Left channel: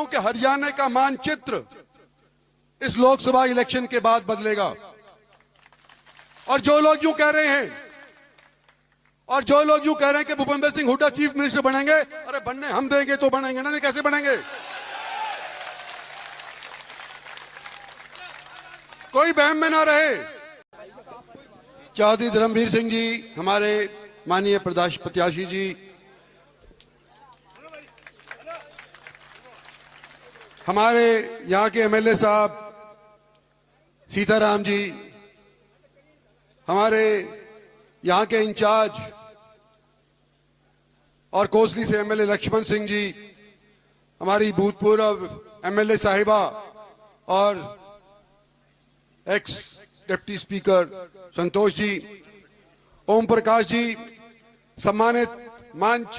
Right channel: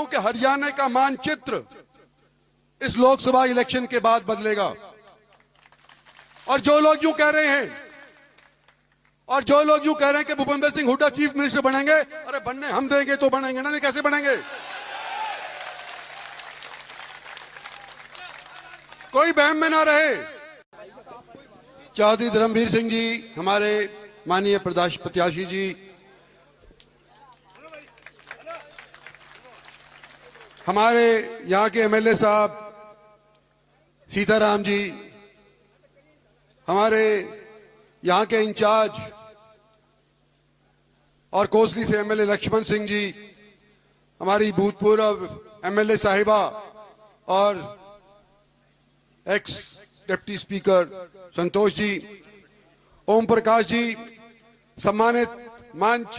हूं कि हरियाणा का मानचित्र इस लोकसभा इलेक्शन के बाद बदलेगा। और जो लोग यूं कह रहे हैं कि भूपेंद्र सिंह हुड्डा चीफ मिनिस्टर बनेंगे, अरे बनने हम देंगे तो बनेंगे ना, नहीं कैसे बनेंगे? कोई बहम में ना रहे। चौधरी धर्मवीर सिंह जी, हमारे माननीय प्रत्याशी जी, हमारे यहां के एमएलए साहब सीताराम जी, हमारे यहां के इंचार्ज और कोसली से एमएलए लक्ष्मण सिंह जी, हमारी भूतपूर्व एमएलए साहिबा और x deputy speaker Santosh ji, Om Prakash ji, सम्मानित मंच,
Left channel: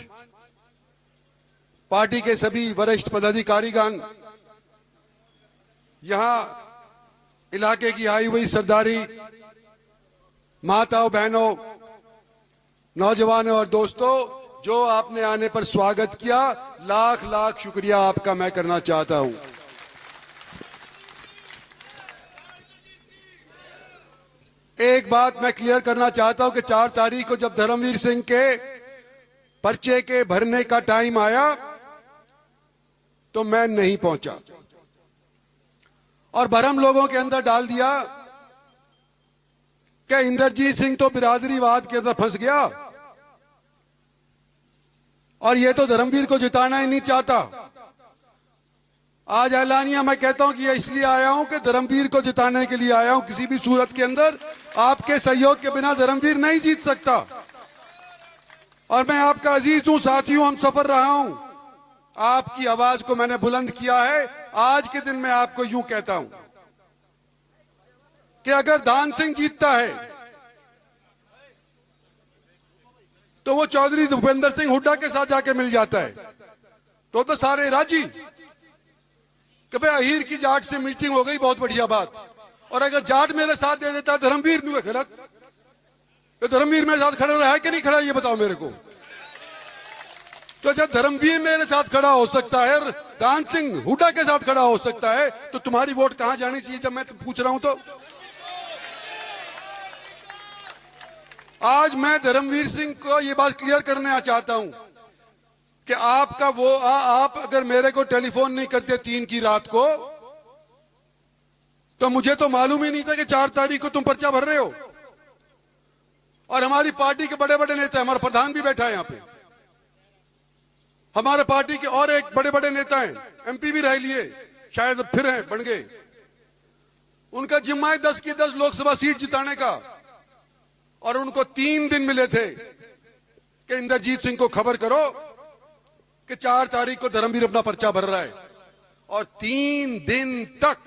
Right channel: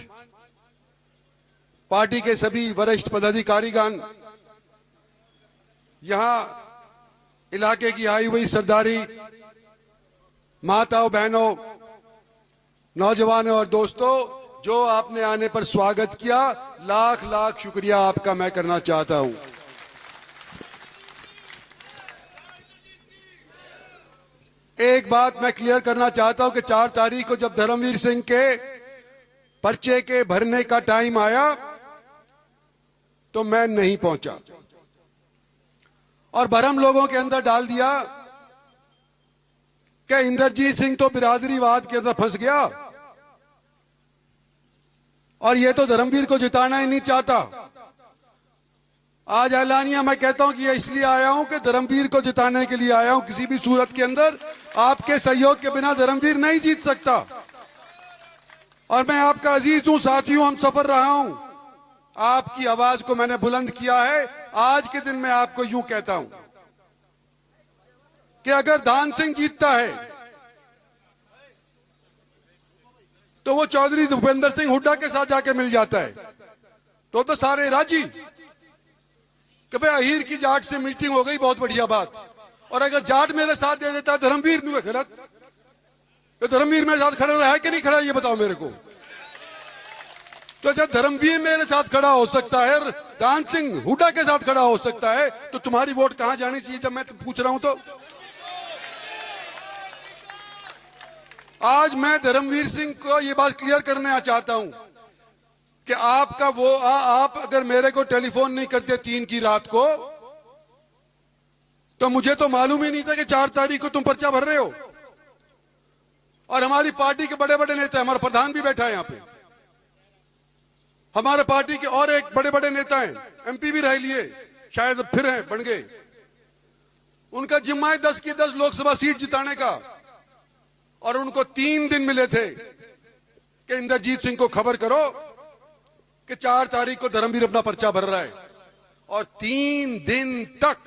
पार्टी के सभी वरिष्ठ पदाधिकारीगण, यहां इलाके की आई हुई सरदारी, माताओं, बहनों, नौजवानों और दोस्तों, जो आपने आने पर स्वागत किया, लाख लाख शुक्रिया आपका मैं करना चाहता हूं। एक बात मैं क्लियर करना चाहता हूं कि 4 तारीख को जब धर्मवीर सिंह के पर्चे के भरने का टाइम आया तो मैं नहीं पहुंचा और भरम लोगों के अंदर डाल दिया कि इंद्रजीत सिंह तो बिरादरीवाद के अंदर फंस गया और ये तो धर्मवीर को जिताना ही नहीं चाहता। आज ऐलानिया मैं कहता हूं कि ये इसलिए आया हूं कि धर्मवीर को जिताने के लिए आया हूं। किसी भी सूरत के अंदर आपके सहयोग के बिना धर्मवीर नहीं जीत सकता। और मैं आपका अजीज हूं, साथी हूं, हम सफर रहा हूं। आपकी आवाज को मैंने बुलंद किया है। आज के दिन मैं आपको यूं कहता हूं कि अगर दान सिंह जीतता है तो वो चौधरी भूपेंद्र सिंह हुड्डा के साथ जाके मिल जाता है तो सारे राजी कि भाई अहीर की जाट से मीटिंग हो गई, बहुत बढ़िया बात। और अगर जाट मेरे साथ दे देता है धर्मवीर में गलत, तो धर्मवीर मेरे साथ खड़ा रहा है कि नहीं खड़ा, ये बताओ मेरे को। तो जब धर्मवीर मेरे साथ खड़ा हो सकता है, दान सिंह हुड्डा के साथ खड़ा हो सकता है, तो तुम्हारी वोट कहां जानी चाहिए जब मैं पूछ रहा हूं? तो आज मैं धर्मवीर सिंह को ये बात क्लियर करना चाहता हूं कि आपका आप अगर मेरे को टेलीफोन नहीं करते 3 की रात को तो मुझे तो मालूम ही नहीं था कि 4 तारीख को तुम पर्चा भर रहे हो। और हमारी पार्टी के बड़े बड़े नेता, हमारा प्रधान भी बैठा है यहाँ पे, हमारे पार्टी के और एक बड़े बड़े नेता हैं, एमपी भी रह लिए, शायद फिर हैं, बन गए। उनका जिम्मा है 10 की 10 लोकसभा सीट जिताने का। और उनको 3 दिन मिले थे कि इंद्रजीत सिंह को खबर करो कि 4 तारीख को धर्मवीर अपना पर्चा भर रहा है। और 3 दिन तक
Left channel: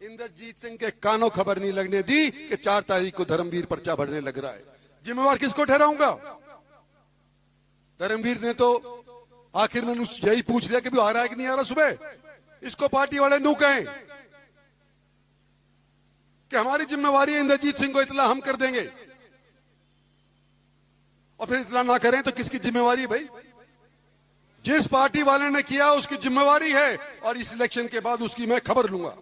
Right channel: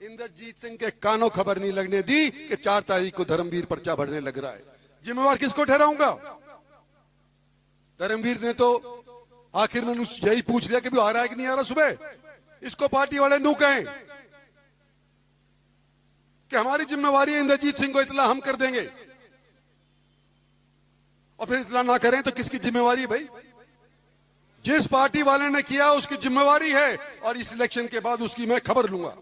इंद्रजीत सिंह के कानों खबर नहीं लगने दी कि 4 तारीख को धर्मवीर पर्चा भरने लग रहा है। जिम्मेवार किसको ठहराऊंगा? धर्मवीर ने तो आखिर में यही पूछ लिया कि भी आ रहा है कि नहीं आ रहा सुबह। इसको पार्टी वाले नू कहें कि हमारी जिम्मेवारी है इंद्रजीत सिंह को इतला हम कर देंगे, और फिर इतला ना करें तो किसकी जिम्मेवारी भाई? जिस पार्टी वाले ने किया उसकी जिम्मेवारी है, और इस इलेक्शन के बाद उसकी मैं खबर लूंगा।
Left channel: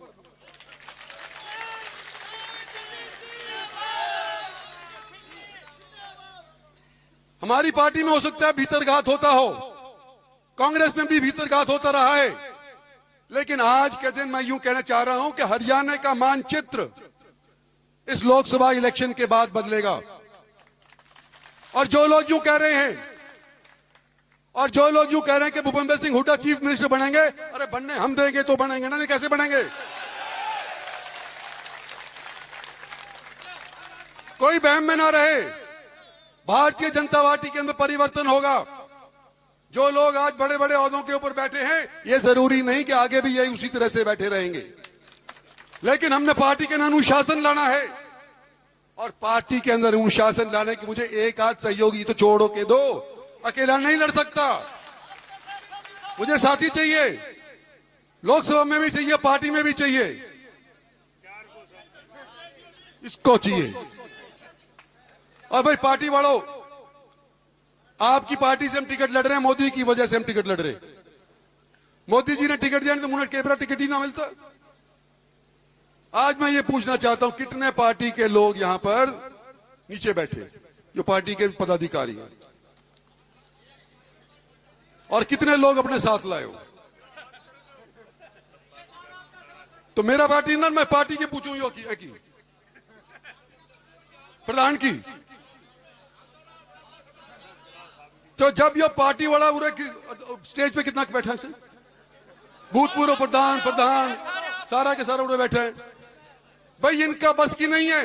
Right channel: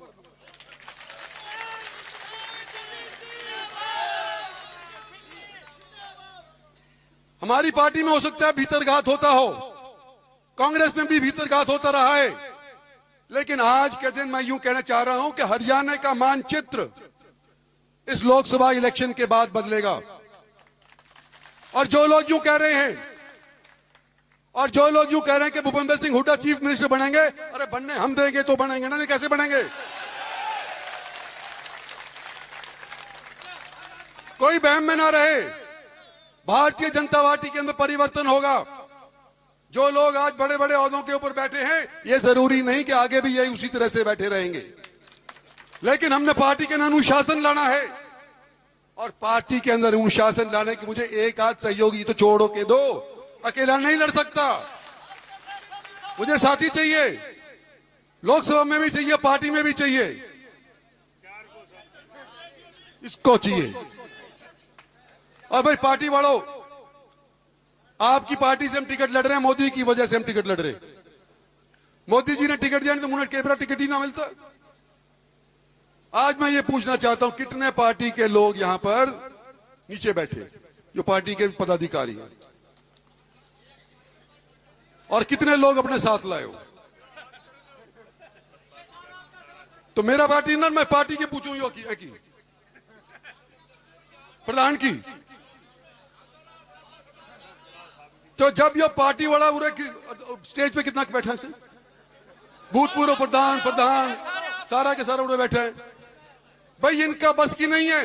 हमारी पार्टी में हो सकता है भीतरघात होता हो, कांग्रेस में भी भीतरघात होता रहा है, लेकिन आज के दिन मैं यूं कहना चाह रहा हूं कि हरियाणा का मानचित्र इस लोकसभा इलेक्शन के बाद बदलेगा। और जो लोग यूं कह रहे हैं कि भूपेंद्र सिंह हुड्डा चीफ मिनिस्टर बनेंगे, अरे बनने हम देंगे तो बनेंगे ना, नहीं कैसे बनेंगे? कोई बहम में ना रहे। भारतीय जनता पार्टी के अंदर परिवर्तन होगा। जो लोग आज बड़े बड़े ओहदों के ऊपर बैठे हैं, ये जरूरी नहीं कि आगे भी ये उसी तरह से बैठे रहेंगे, लेकिन हमने पार्टी के अंदर अनुशासन लाना है। और पार्टी के अंदर अनुशासन लाने की मुझे एक आध सहयोगी तो छोड़ो के दो, अकेला नहीं लड़ सकता, मुझे साथी चाहिए, लोकसभा में भी चाहिए, पार्टी में भी चाहिए, इसको चाहिए। और भाई पार्टी वालों, आपकी पार्टी से हम टिकट लड़ रहे हैं, मोदी की वजह से हम टिकट लड़ रहे हैं। मोदी जी ने टिकट दिया तो मुझे केबरा टिकट ही ना मिलता। आज मैं ये पूछना चाहता हूं कितने पार्टी के लोग यहां पर नीचे बैठे जो पार्टी के पदाधिकारी हैं और कितने लोग अपने साथ लाए हो। तो मेरा पार्टी ना मैं पार्टी के पूछूं यो की प्रधान की। तो जब ये पार्टी वाला पूरे स्टेज पे कितना बैठे हैं भूतपूर्व प्रधान सारा के सारा उड़े बैठे हैं। भाई इनका बस की नहीं है।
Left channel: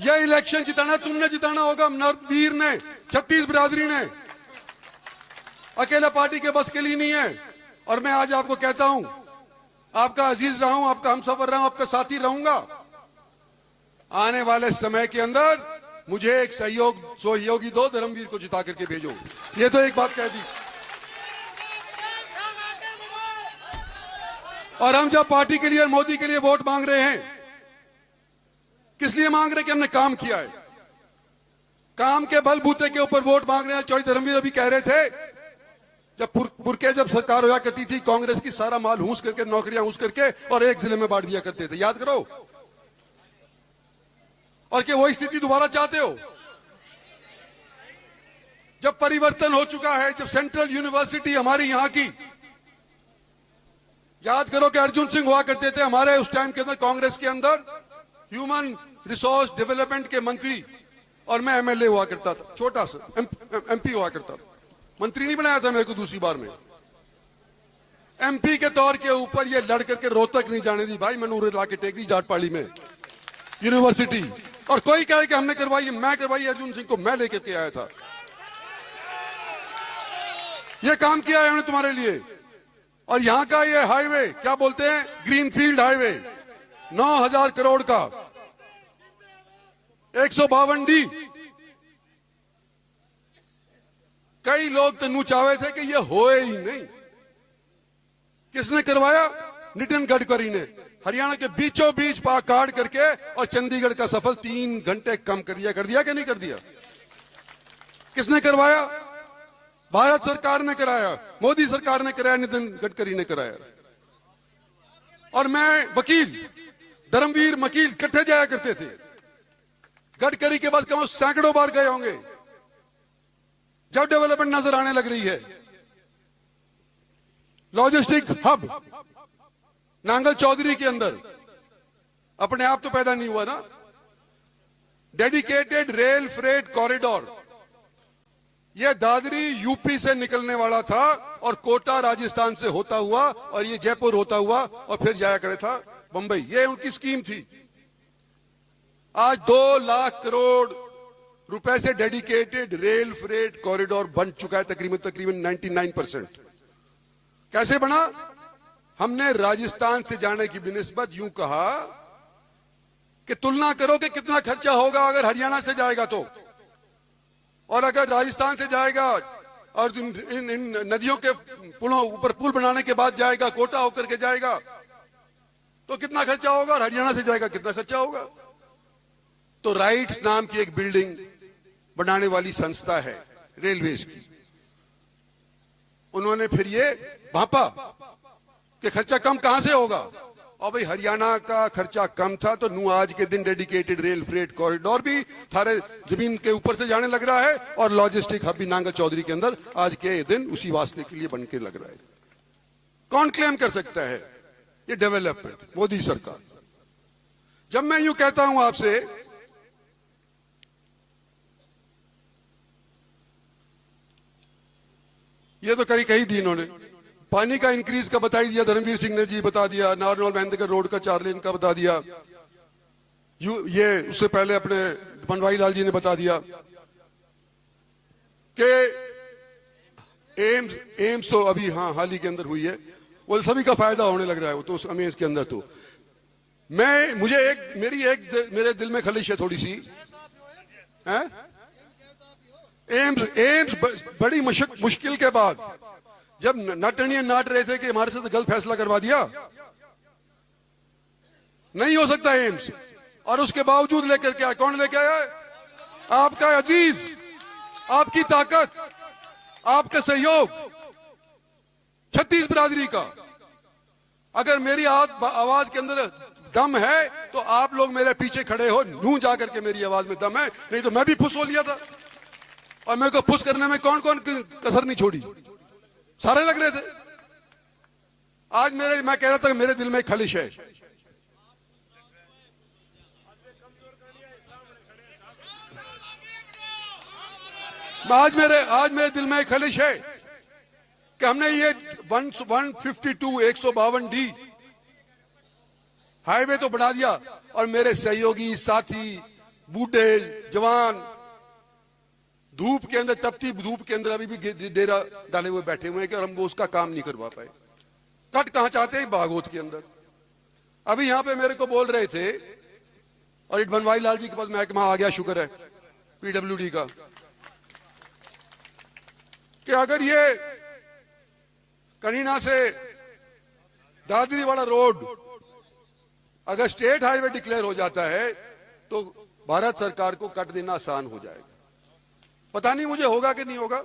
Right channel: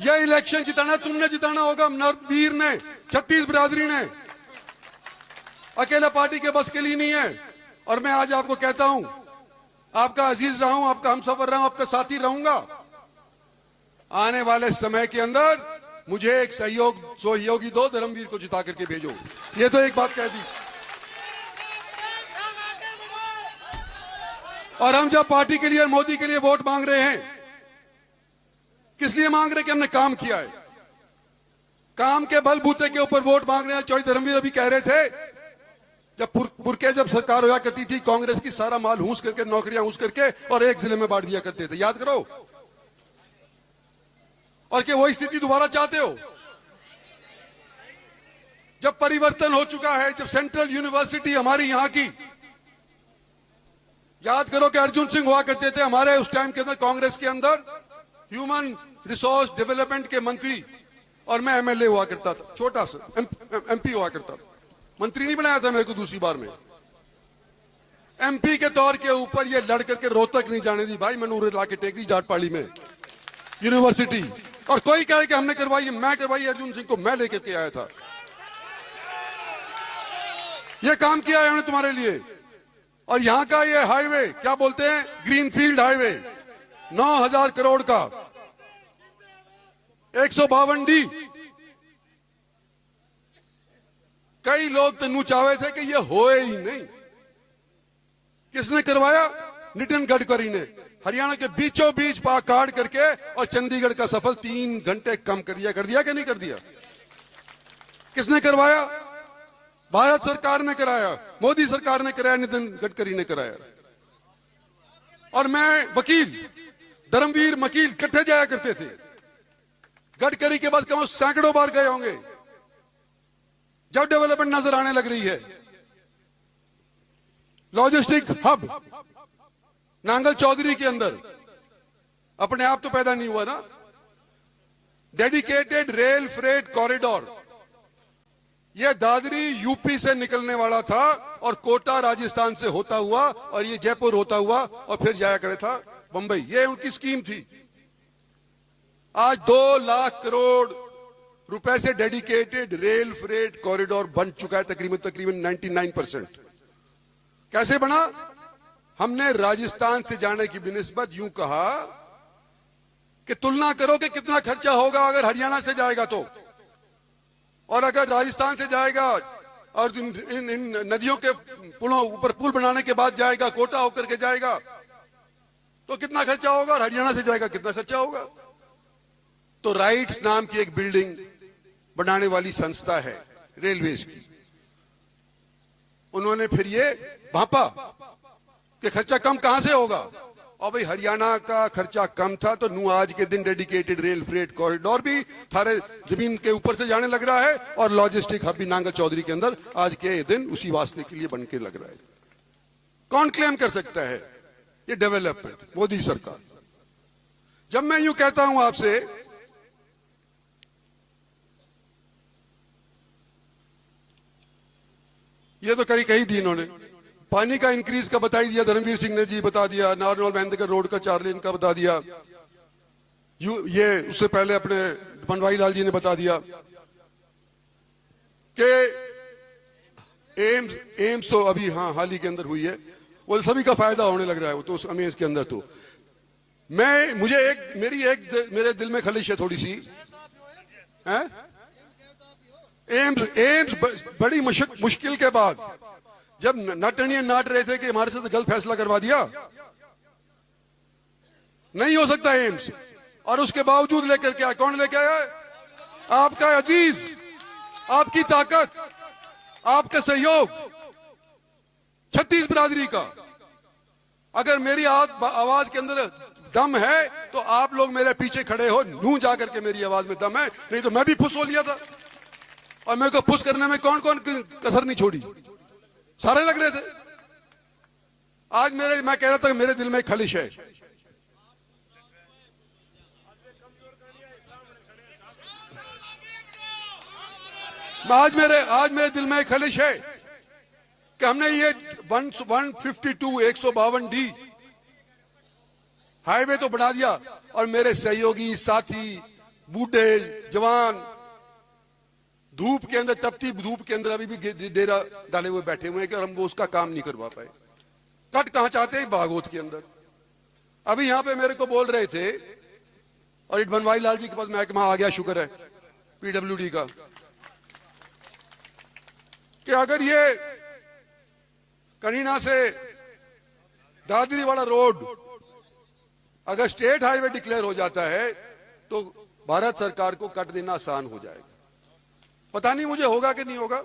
यह इलेक्शन जिताना है, तुमने जिताना होगा। नरवीर ने 36 बिरादरी ने अकेला पार्टी के बस के लिए नहीं है। और मैं आज आपको कहता हूं आपका अजीज रहा हूं, आपका हमसफर रहा हूं, आपका साथी रहूंगा। आने वाले समय के अंदर मुझे एक सहयोगी दो, धर्मवीर को जिता करके भेजो। ये तो एक बात कह दी। और हम जब पार्टी के लिए मोदी के लिए वोट मांग रहे हैं किस लिए मांग रहे हैं कि हमने काम किया है। काम के बलबूते के ऊपर वोट मांग रहे हैं। चौधरी धर्मवीर अभी कह रहे थे जब सरकार हुआ करती थी कांग्रेस की सारा माल हूस करके नौकरियां हूस करके और एक जिले में बांट दिया करते थे, याद करो। और क्या वही स्थिति दोबारा चाहते हो? जब परिवर्तन हो चुका है, जब सेंट्रल यूनिवर्सिटी हमारी यहां की, याद करो कि अर्जुन सिंह हुआ करते थे हमारे उस टाइम के अंदर कांग्रेस के अंदर ह्यूमन रिसोर्स डेवलपमेंट के मंत्री और मैं एमएलए हुआ करता था, छोटा सा एमपी हुआ करता था। मंत्री नहीं बनाया था मेरे को दूसरी बार में। एमपी के तौर के ऊपर ये लड़ करके रोहतक नहीं जाने दी भाई। मैंने उन्हें लाके टेक दी जाटपाड़ी में यूनिवर्सिटी। और कोई कहे कि हमने करवाई, मैं करवाई अर्जुन सिंह को मैं लेकर के आया था। ये काम किया है हमने तुम्हारे लिए। और यहां का ये हाईवे क्या बोलते हैं, ग्रीनफील्ड हाईवे 9,000 करोड़ का 152D। कई लोग तो नुचावे थे कि ये होए ही नहीं। किसने करवाया? नितिन गडकरी ने। हरियाणा के बीचों बीच काट करके और चंडीगढ़ का सफर 3 घंटे कम कर दिया कि नहीं कर दिया? किसने करवाया? भारत सरकार ने कराया, मोदी सरकार ने कराया, नितिन गडकरी ने कराया। और मैं वकील धर्मवीर वकील इकट्ठे जाया करते थे। गडकरी के पास कम सैकड़ों बार गए होंगे जब डेवलपमेंट नजर आने लग रही है। लॉजिस्टिक हब नांगल चौधरी के अंदर अपने आप तो पैदा नहीं हुआ ना। डेडिकेटेड रेल फ्रेट कॉरिडोर, यह दादरी यूपी से निकलने वाला था और कोटा राजस्थान से होता हुआ और ये जयपुर होता हुआ और फिर जाया करे था बंबई। ये उनकी स्कीम थी। आज 2 लाख करोड़ रुपए से डेडिकेटेड रेल फ्रेट कॉरिडोर बन चुका है तकरीबन 99%। कैसे बना? हमने राजस्थान से जाने की बिनिस्बत यूं कहा कि तुलना करो कि कितना खर्चा होगा अगर हरियाणा से जाएगा तो, और अगर राजस्थान से जाएगा और इन नदियों के पुलों ऊपर पुल बनाने के बाद जाएगा, कोटा होकर के जाएगा, तो कितना खर्चा होगा? और हरियाणा से जाएगा कितना खर्चा होगा? तो राइट्स नाम की एक बिल्डिंग बनाने वाली संस्था है रेलवेज की, उन्होंने फिर ये भापा कि खर्चा कम कहां से होगा। और भाई हरियाणा का खर्चा कम था तो नू आज के दिन डेडिकेटेड रेल फ्रेट कॉरिडोर भी थारे जमीन के ऊपर से जाने लग रहा है और लॉजिस्टिक हब भी नांगल चौधरी के अंदर आज के दिन उसी वास्ते के लिए बन के लग रहा है। कौन क्लेम कर सकता है ये डेवलपमेंट? मोदी सरकार। जब मैं यूं कहता हूं आपसे ये तो कही दी इन्होंने, पानी का इंक्रीज का बता दिया, धर्मवीर सिंह ने जी बता दिया, नारनौल महेंद्रगढ़ रोड का 4 लेन का बता दिया, ये उससे पहले अपने बनवारी लाल जी ने बता दिया कि एम्स तो अभी हाल ही के अंदर हुई है, वो सभी का फायदा होने लग रहा है। वो तो उस अमेज के अंदर तो मेरे दिल में खलिश है थोड़ी सी है? एम्स बड़ी मुश्किल के बाद जब नटनिया नाट रहे थे कि हमारे साथ गलत फैसला करवा दिया, नहीं हो सकता एम्स, और उसके बावजूद लेकर के आए। कौन लेकर आया? आपका अजीज, आपकी ताकत, आपका सहयोग, छत्तीस बिरादरी का। अगर मेरी आवाज के अंदर दम है तो आप लोग मेरे पीछे खड़े हो, नू जाकर के मेरी आवाज में दम है, नहीं तो मैं भी फुस हो लिया था। और मेरे को फुस करने में कौन कौन कसर नहीं छोड़ी, सारे लग रहे थे। आज मैं कह रहा था मेरे दिल में एक खलिश है, आज मेरे दिल में एक खलिश है कि हमने ये 152 हाईवे तो बना दिया, और मेरे सहयोगी साथी बूढ़े जवान धूप के अंदर, तपती धूप के अंदर अभी भी डेरा डाले हुए बैठे हुए हैं कि और हम वो उसका काम नहीं करवा पाए। कट कहां चाहते हैं? बागोत के अंदर। अभी यहां पे मेरे को बोल रहे थे, और इट बनवारी लाल जी के पास महकमा आ गया, शुक्र है पीडब्ल्यूडी का, कि अगर ये करीना से दादरी वाला रोड अगर स्टेट हाईवे डिक्लेयर हो जाता है तो भारत सरकार को कट देना आसान हो जाएगा। पता नहीं मुझे होगा कि नहीं होगा,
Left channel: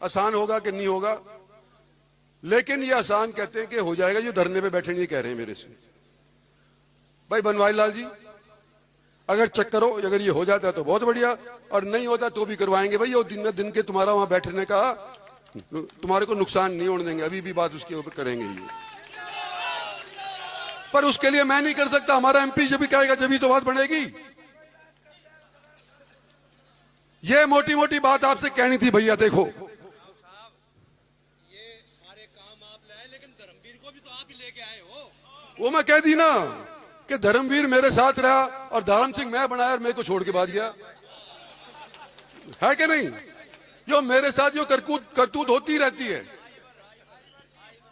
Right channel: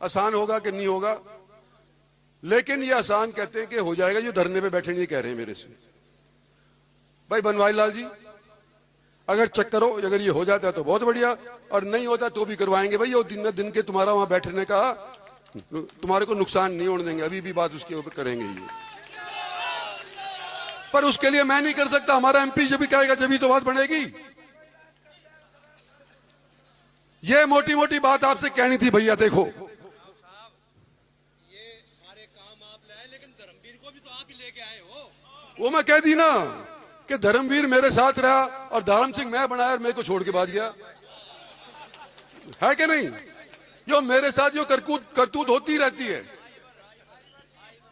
आसान होगा कि नहीं होगा, लेकिन ये आसान कहते हैं कि हो जाएगा। ये धरने पे बैठे नहीं कह रहे हैं मेरे से। भाई बनवारी लाल जी, अगर चक्कर हो, अगर ये हो जाता है तो बहुत बढ़िया, और नहीं होता तो भी करवाएंगे। भाई वो दिन के तुम्हारा वहां बैठने का तुम्हारे को नुकसान नहीं होने देंगे, अभी भी बात उसके ऊपर करेंगे ये। पर उसके लिए मैं नहीं कर सकता, हमारा एमपी जब भी कहेगा जब भी तो बात बढ़ेगी। ये मोटी मोटी बात आपसे कहनी थी भैया। देखो ये सारे काम आप लाए, लेकिन धर्मवीर को भी तो आप ही लेके आए हो। वो मैं कह दी ना कि धर्मवीर मेरे साथ रहा और धर्म सिंह मैं बनाया, मेरे को छोड़ के भाग गया, है कि नहीं? जो मेरे साथ जो करतूत होती रहती है,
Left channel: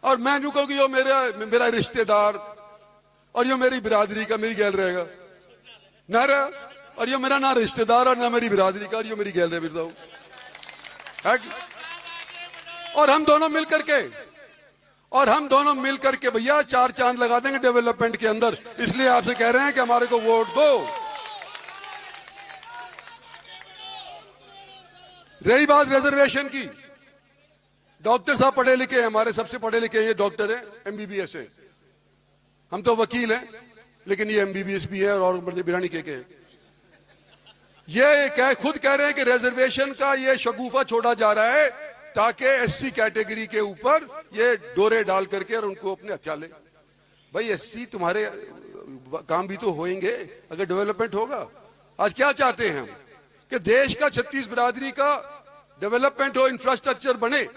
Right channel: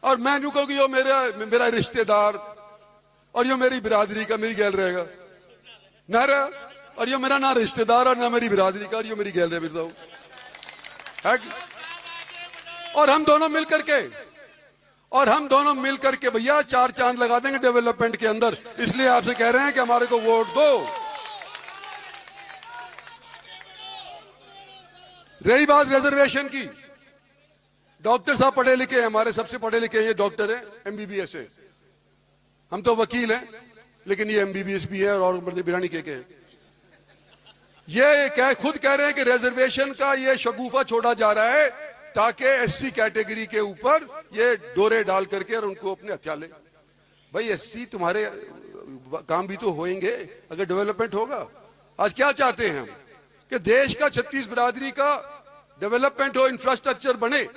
और मैं यूं कहूं कि जो मेरा रिश्तेदार और जो मेरी बिरादरी का मेरी गैल रहेगा ना रहा, और जो मेरा ना रिश्तेदार और ना मेरी बिरादरी का, और जो मेरी गैल रहे है। और हम दोनों मिल करके भैया 4 चांद लगा देंगे डेवलपमेंट के अंदर। इसलिए आपसे कह रहे हैं कि हमारे को वोट दो। रही बात रिजर्वेशन की, डॉक्टर साहब पढ़े लिखे हैं, हमारे सबसे पढ़े लिखे ये डॉक्टर है, एमबीबीएस है। हम तो वकील हैं, लेकिन ये एमबीबीएस भी है और बिरानी के हैं। ये खुद कह रहे हैं कि रिजर्वेशन का ये शगुफा छोड़ा जा रहा है ताकि एससी कैटेगरी के ऊपर ये डोरे डाल करके और उनको अपने हथियार ले। भाई एससी तुम्हारे काम भी तो होंगे अगर डेवलपमेंट होगा। आज क्या चाहते हैं हम कि देश का 36 बिरादरी का डेवलपमेंट हो, इंफ्रास्ट्रक्चर बने,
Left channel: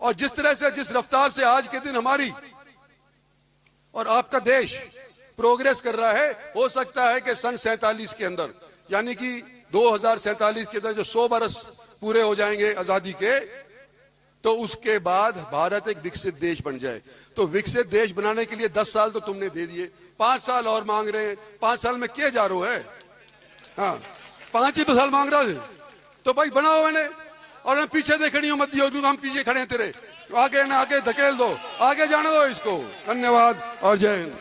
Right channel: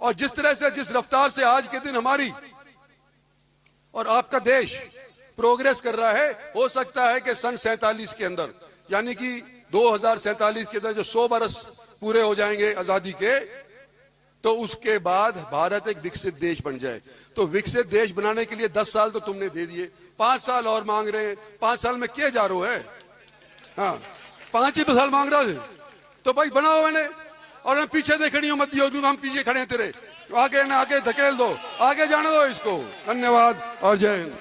और जिस तरह से जिस रफ्तार से आज के दिन हमारी और आपका देश प्रोग्रेस कर रहा है, हो सकता है कि सन 47 के अंदर, यानी कि 2047 के अंदर जो 100 बरस पूरे हो जाएंगे आजादी के, तो उसके बाद भारत एक विकसित देश बन जाए। तो विकसित देश बनाने के लिए 10 साल तो तुमने दे दिए, 5 साल और मांग रहे हैं। 5 साल में क्या जा रहा है? हाँ 5 ही तो साल मांग रहा है। तो भाई बनाओ मैंने, और मैं पीछे देखनी हो मत, हम पीछे खड़े तेरे, आगे ना आगे धकेल दो, आगे जाने दो इसको। धन्यवाद और जय हिंद।